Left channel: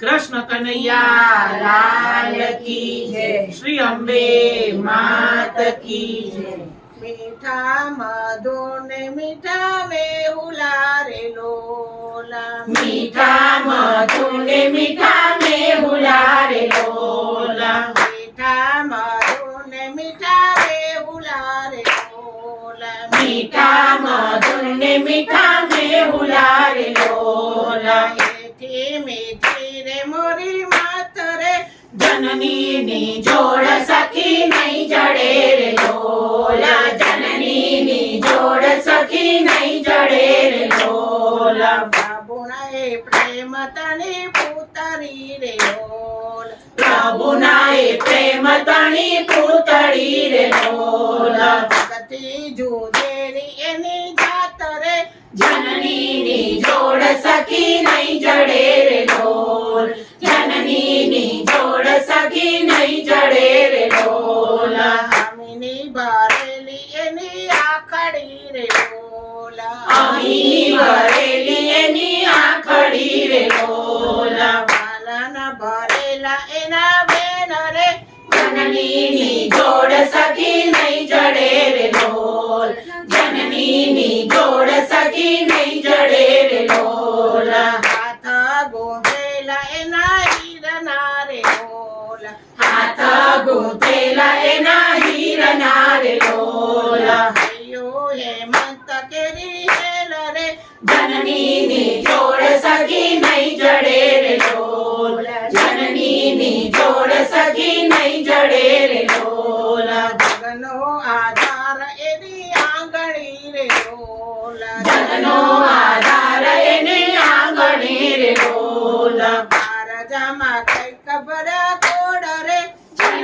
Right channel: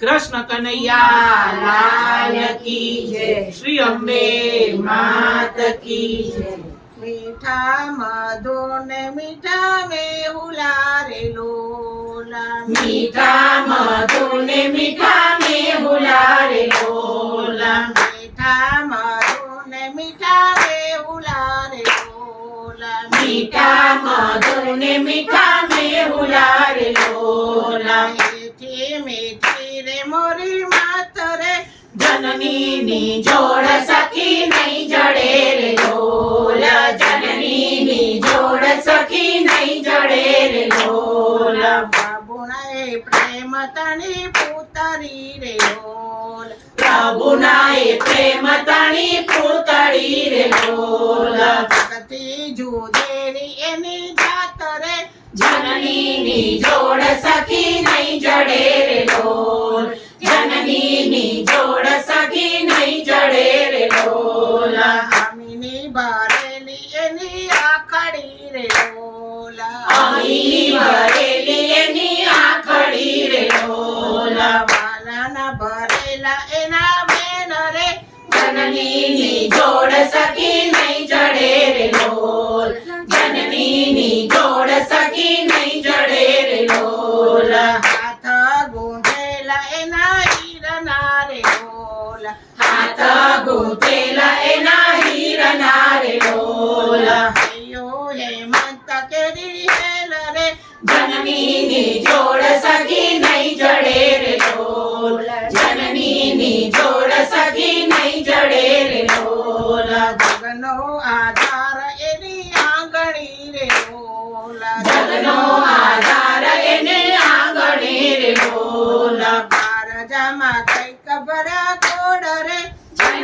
કૃષ્ણ કનૈયા લાલ કી જય શ્રી અંબે માત કી મીઠા માધો ને મીઠા મેહુલા રે મીઠા માધો ને મીઠા મેહુલા રે મીઠા માધો ને મીઠા મેહુલા રે મીઠા માધો ને મીઠા મેહુલા રે જનની ની જોડ સખી નહીં જડે રે ઢોલ જનની ની જોડ સખી નહીં જડે રે ઢોલ પ્રભુના પ્રેમ તને પૂતરી રે ઢોલ પ્રભુના પ્રેમ તણી પૂતળી રે ઢોલ જુદેરી એની आईनी बरेली नी आखड़ी रे लोला आईनी बरेली नी आखड़ी रे लोला बालना बरेला एना बेन रे जननी नी जोड़ सकी नहीं जड़े रे लोल जननी नी जोड़ सकी नहीं जड़े रे लोल બોલા હૈયો હે માતા કેરી હે લરે જનનીની જોડ સખી નહીં જડે રે લોલ જનનીની જોડ સખી નહીં જડે રે લોલ જગનો આધાર એની આંગળી રે લોલ જગનો આધાર એની આંગળી રે લોલ બાર જમા કઈ ખબર કોડ રે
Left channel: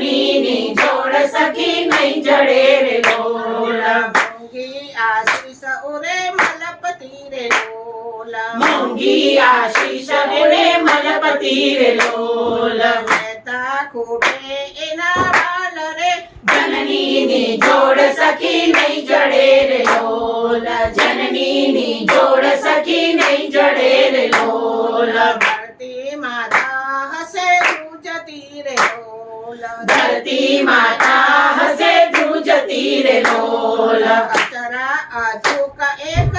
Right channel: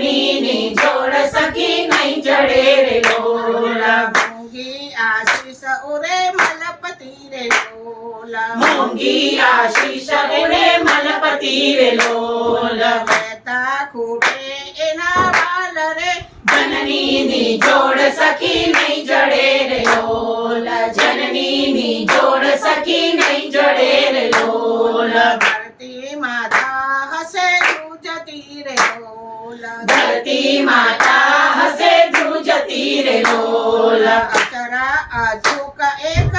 ની જોડ સખી નહીં જડે રે લોલા મોંઘી આશીષ ઓરે મલપતિ રે લોલા મોંઘી આશીષ ઓરે મલપતિ રે લોલા વેતા ખૂટે એના વાલ રે જનની ની જોડ સખી નહીં જડે રે લોલા જનની ની જોડ સખી નહીં જડે રે લોલા धरती माता हसे जूझती रे डोल अचरा आजू का एक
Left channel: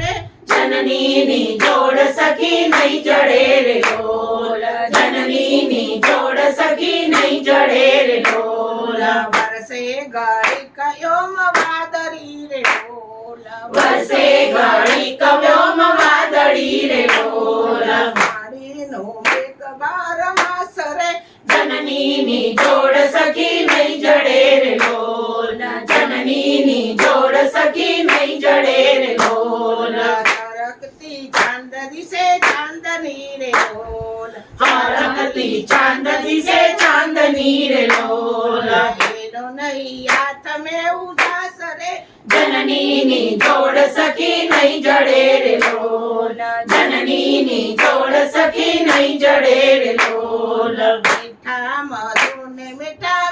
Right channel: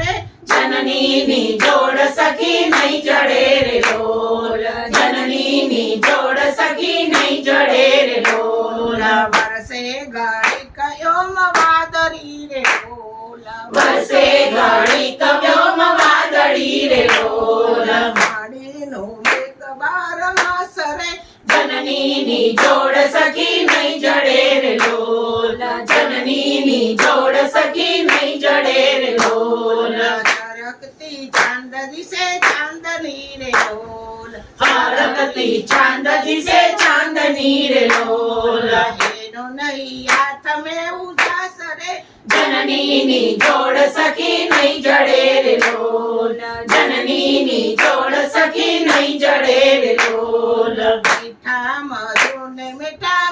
रे जननी नी जोड़ सकी नहीं चढ़े रे डोल जननी नी जोड़ सकी नहीं चढ़े रे डोल बरसे गाड़ी कयोम मवादरी रे डोल बरसे गाड़ी कयोम वादरी रे डोल नी जोड़ सकी नहीं जड़ेर ढोल रखती चांद से चांदनी रे ढोल हरकती हाँ, चांद से चांदनी रे ढोल नहीं हाथ में उदास रे जननी नी जोड़ सकी नहीं जड़ेर ढोल जननी नी जोड़ सकी नहीं जड़ेर ढोल मीठा मधुर मीठा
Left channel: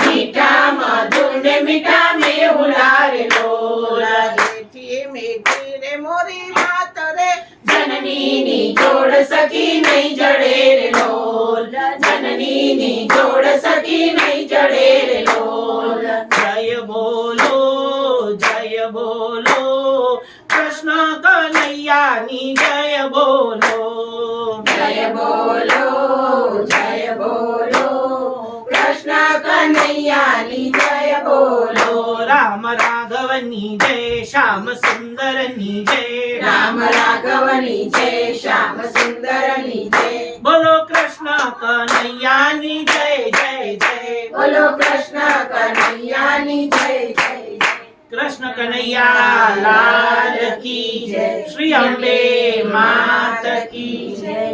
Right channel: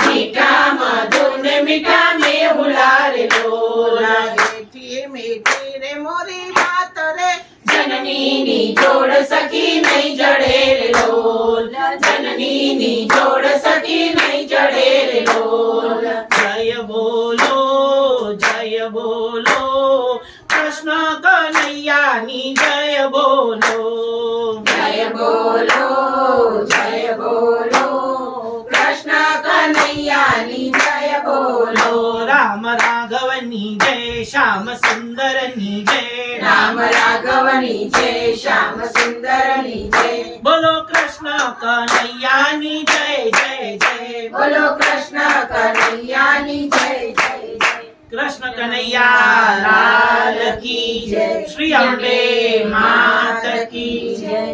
मीठा मधुर मीठा में रे लोला बेटिए मेटी रे मोरी मात रे जननी नी जोड़ सकी नहीं जड़े रे लोल जननी नी जोड़ सकी नहीं जड़े रे लोल जय बोलो जय बोलो कृष्ण कन्हैया नी जय बोलो માતાની જય બોલો રામ રાઘવની જય શ્યામ સુંદરની જય રામ રાઘવની જય શ્યામ સુંદરની જય બોલો કૃષ્ણ કનૈયાની જય જય જય બોલો કૃષ્ણ કનૈયાની જય જય કૃષ્ણ કનૈયા લાલ કી જય શ્રી અંબે માત કી જય